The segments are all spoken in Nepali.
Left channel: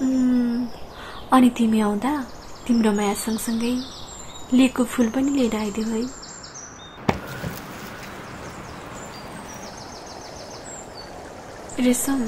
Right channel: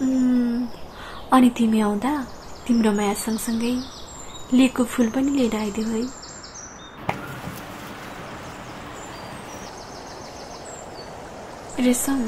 अनि तिमी आउँदा तिम्रो माया सँगसँगै लिएको फूल पनि लिएर आइदेऊ है। रेशम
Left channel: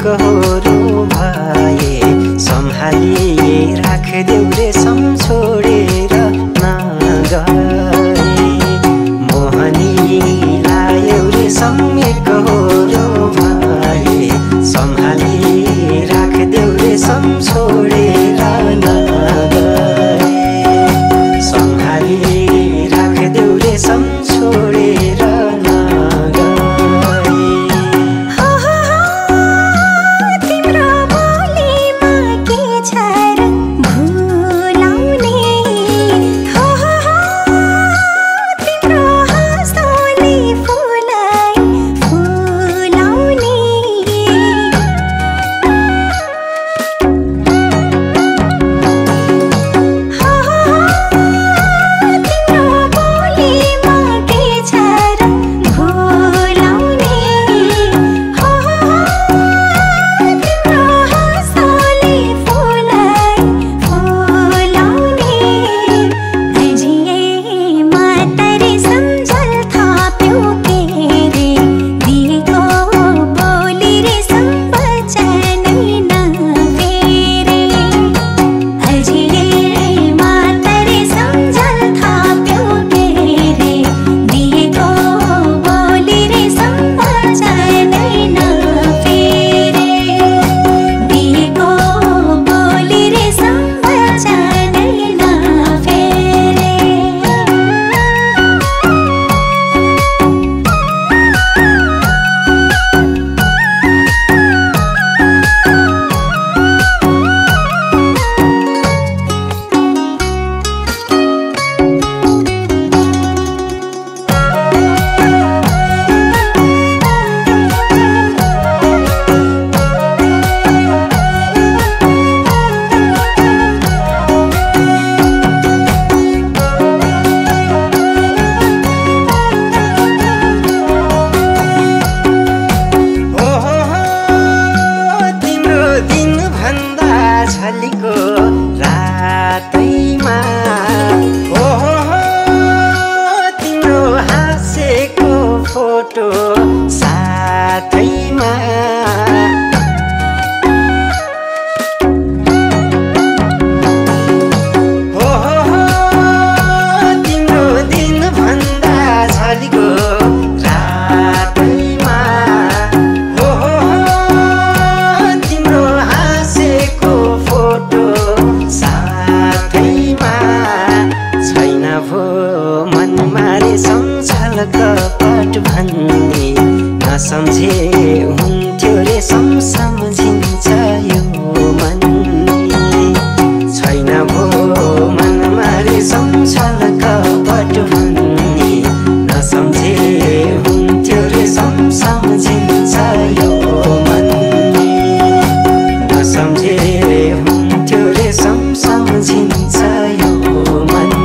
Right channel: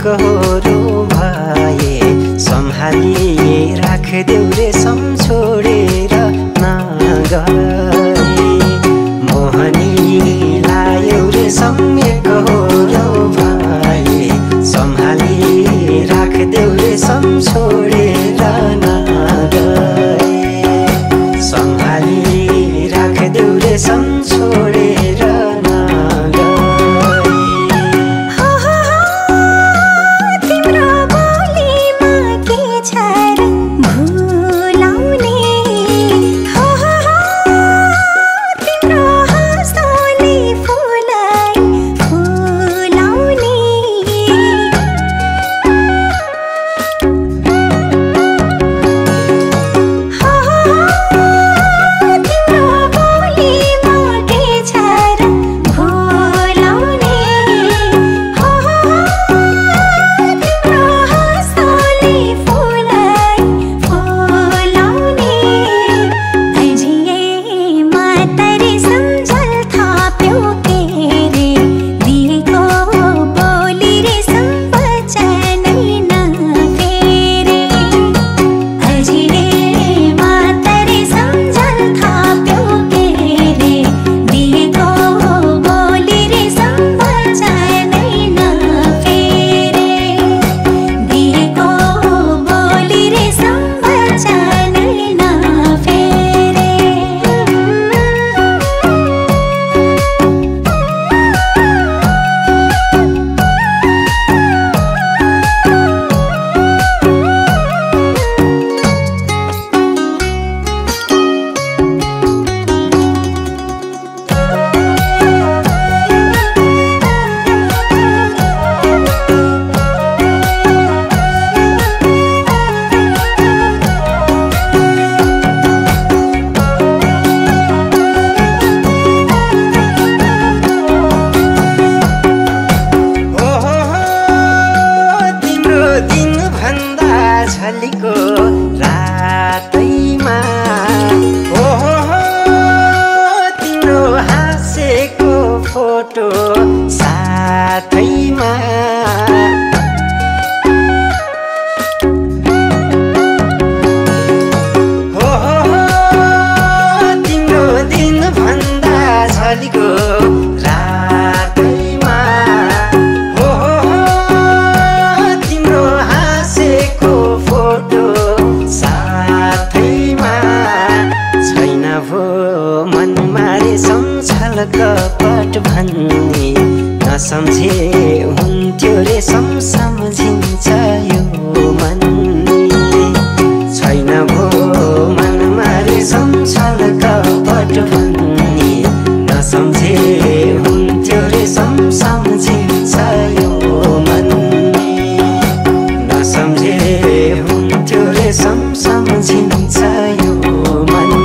कहोरो भए सम्हाली राखदेऊ रेशम छोडेर नगए। मोहनी लायौ रेशम कहोरो भए सम्हाली राखदेऊ रेशम छोडेर नगए। सम्हाली राखदेऊ रेशम छोडेर नगए। झलीको रातैमा तिम्रो हाँसेको फोटो साथैमा तिम्रो दिन भन्दा झलीको रातैमा तिम्रो हाँसेको फोटो साथैमा छैन भो मनमा रेशम छल कपट भन्ने नसम्झे हुन्थ्यो रेशम सम्झिन्छ यो मन छैन भो मनमा रेशम छल कपट भन्ने नसम्झे हुन्थ्यो रेशम सम्झिन्छ यो मन नसम्झे हुन्थ्यो रेशम सम्झिन्छ यो मन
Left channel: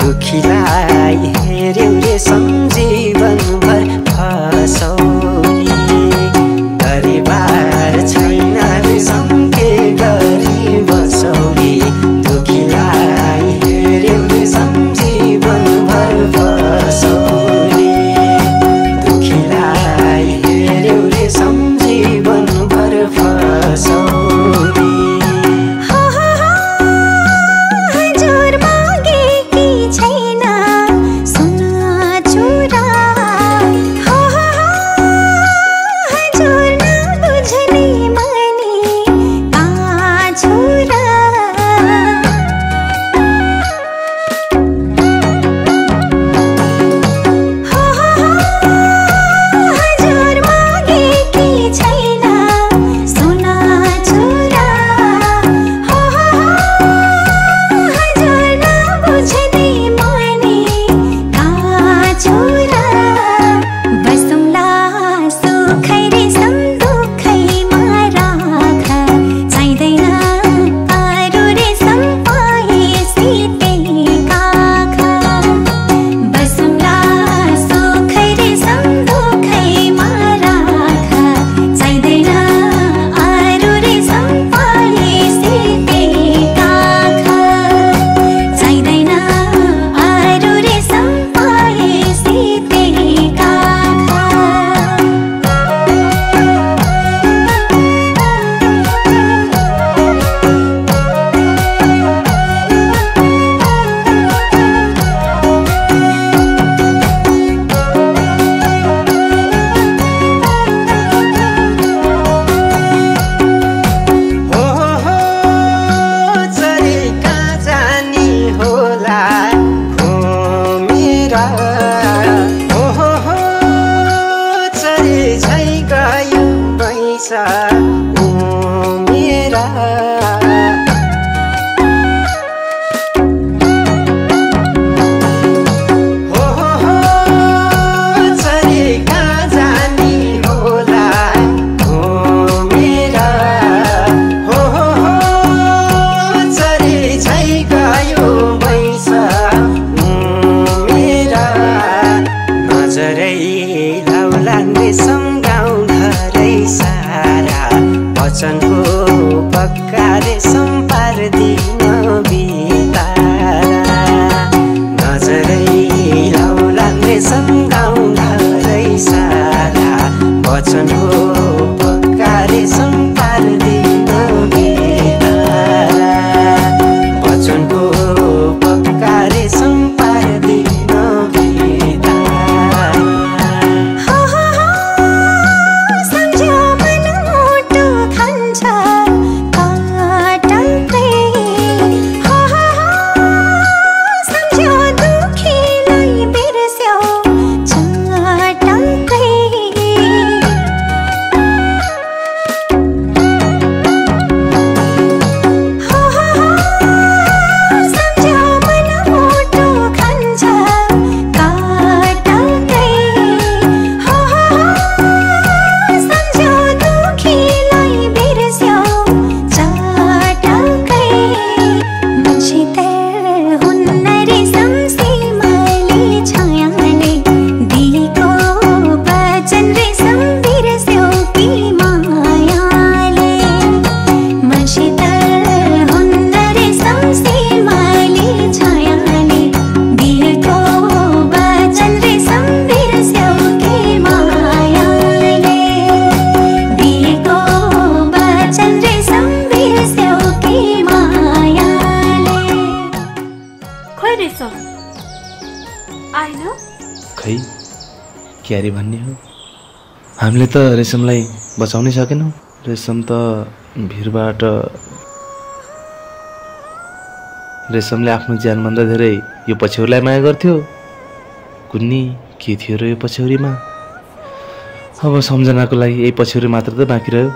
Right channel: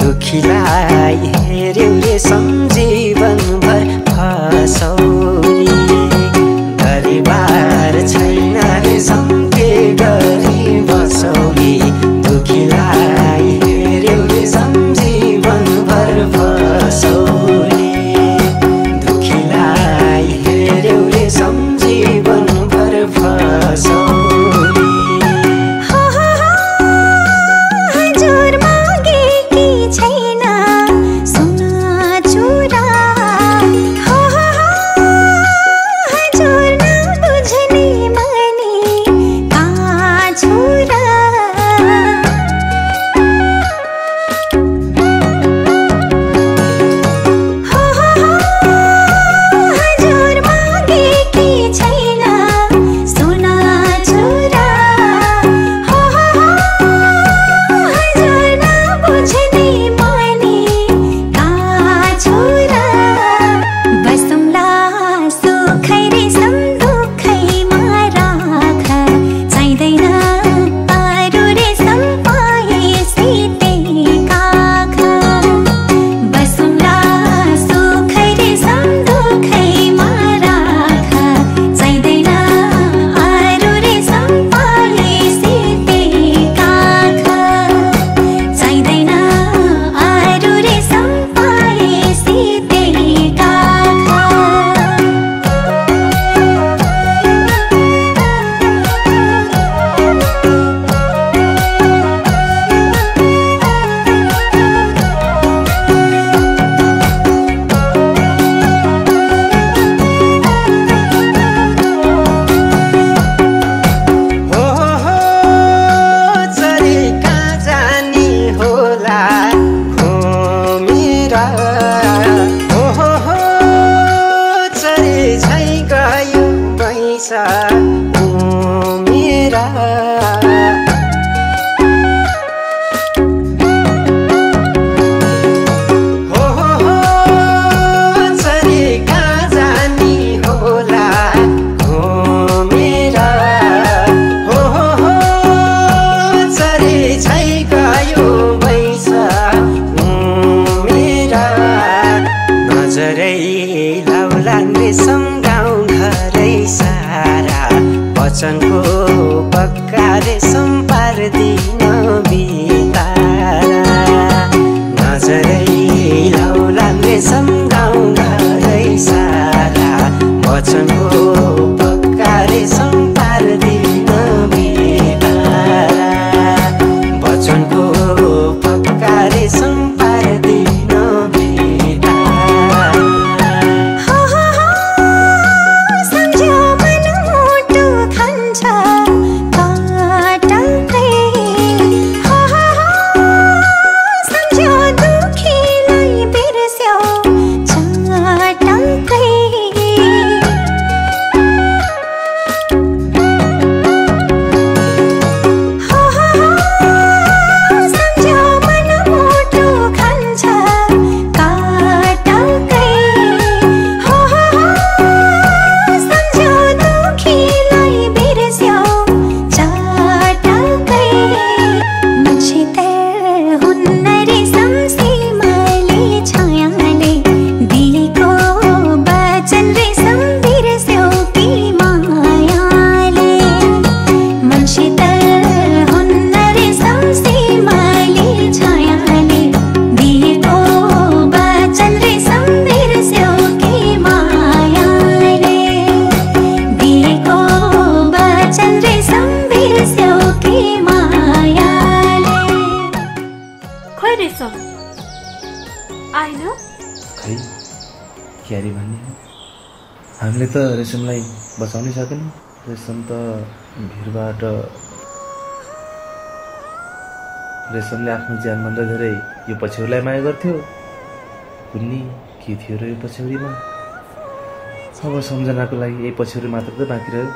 दुखीलाई हेर्यौ रे सम्झीवनभर फसौली गरिबार छैन रे सम्के गरी बसौली दुखीलाई हेर्यौ रे सम्झीवनभर फसौली दुखीलाई हेर्यौ रे सम्झीवनभर फसौली मेरा हो चरी कहाँ जानी होला मेरा हो चरी छै गयो बैसा मेरा नजरै लाउलान् रेशम गाउँ घरै सारा वचनको पक्का रेशम पार्दिन बितारा नजरै लाउलान् रेशम गाउँ घरै सारा वचनको पक्का रेशम पार्दिन बितारा वचनको पक्का रेशम पार्दिन क्यारी भन्ने हो। हामीले त रेशमलाई बचाउनै सकेनौँ। रेशम त भिरबाट रेशमले आफ्नो ज्यानभन्दा धेरै यो पछ्यौरीलाई माया गर्थ्यो। कुन्नी के थियो र यो पछ्यौरीमा? अब सम्झनाको लागि यही पछ्यौरी मात्र त बाँकी रह्यो।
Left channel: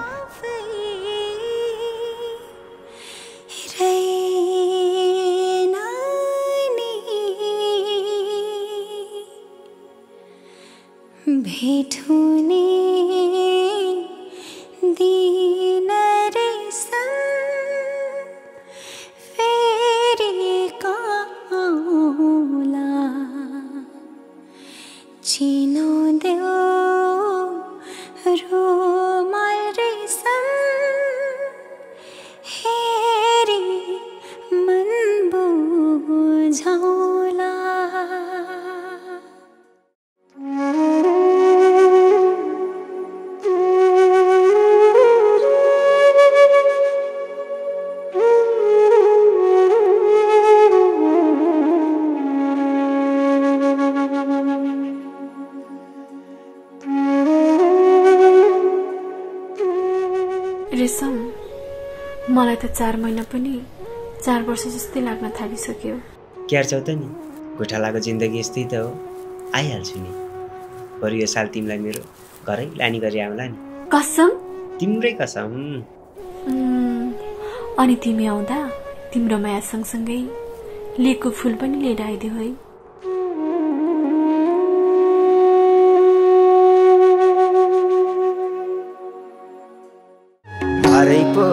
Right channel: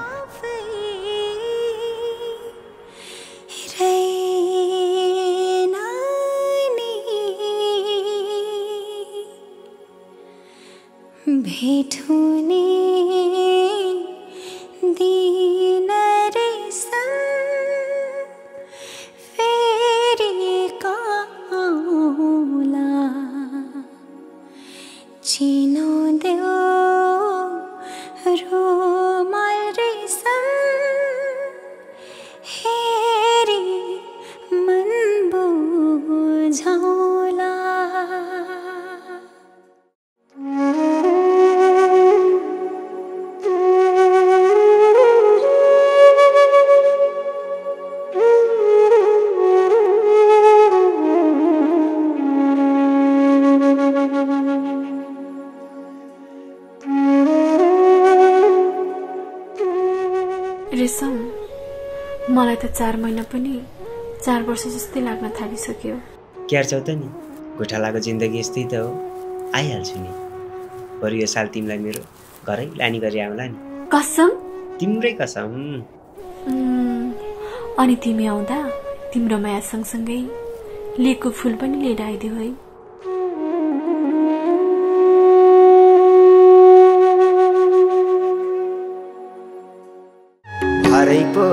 भेट हुने दिन रेशम फेरि आउला, चिनो देऊ रुमाल रेशम हेरी मन बुझाउला। रेशम, मलाई त 4 महिना पनि 4 वर्ष जस्तै लाग्न थालिसक्यो। क्यार्छौ त नि, गोठालाको जिन्दगी यस्तै त हो, आइहाल्छु नि। बरु यो साल तिमीलाई मेरो घरै लाने गरी आउला नि। कसम? तिम्रै कसम। अनि तिमी आउँदा तिम्रो माया सँगसँगै लिएको फुल पनि लिएर आइदियो है। घरै पो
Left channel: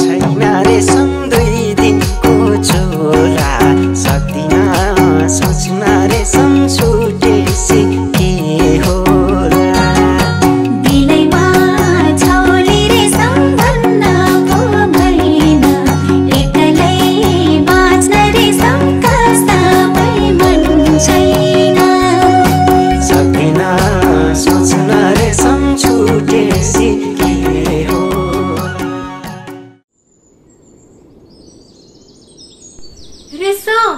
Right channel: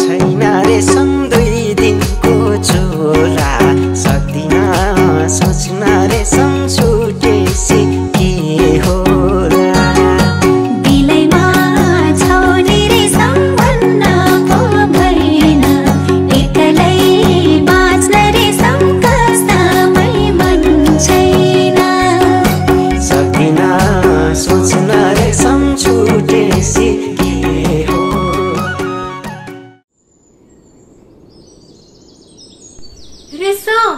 छैन रेशम 2 दिनको छोरा, सक्दिन सोच्न रेशम छुटेसी के होला। दिलैमा छौली रेशम भन्न पो भएन, एक्लै बाँच्न रेशम कसमै मन छैन। सक्दिन सोच्न रेशम छुटेसी के होला। रेशम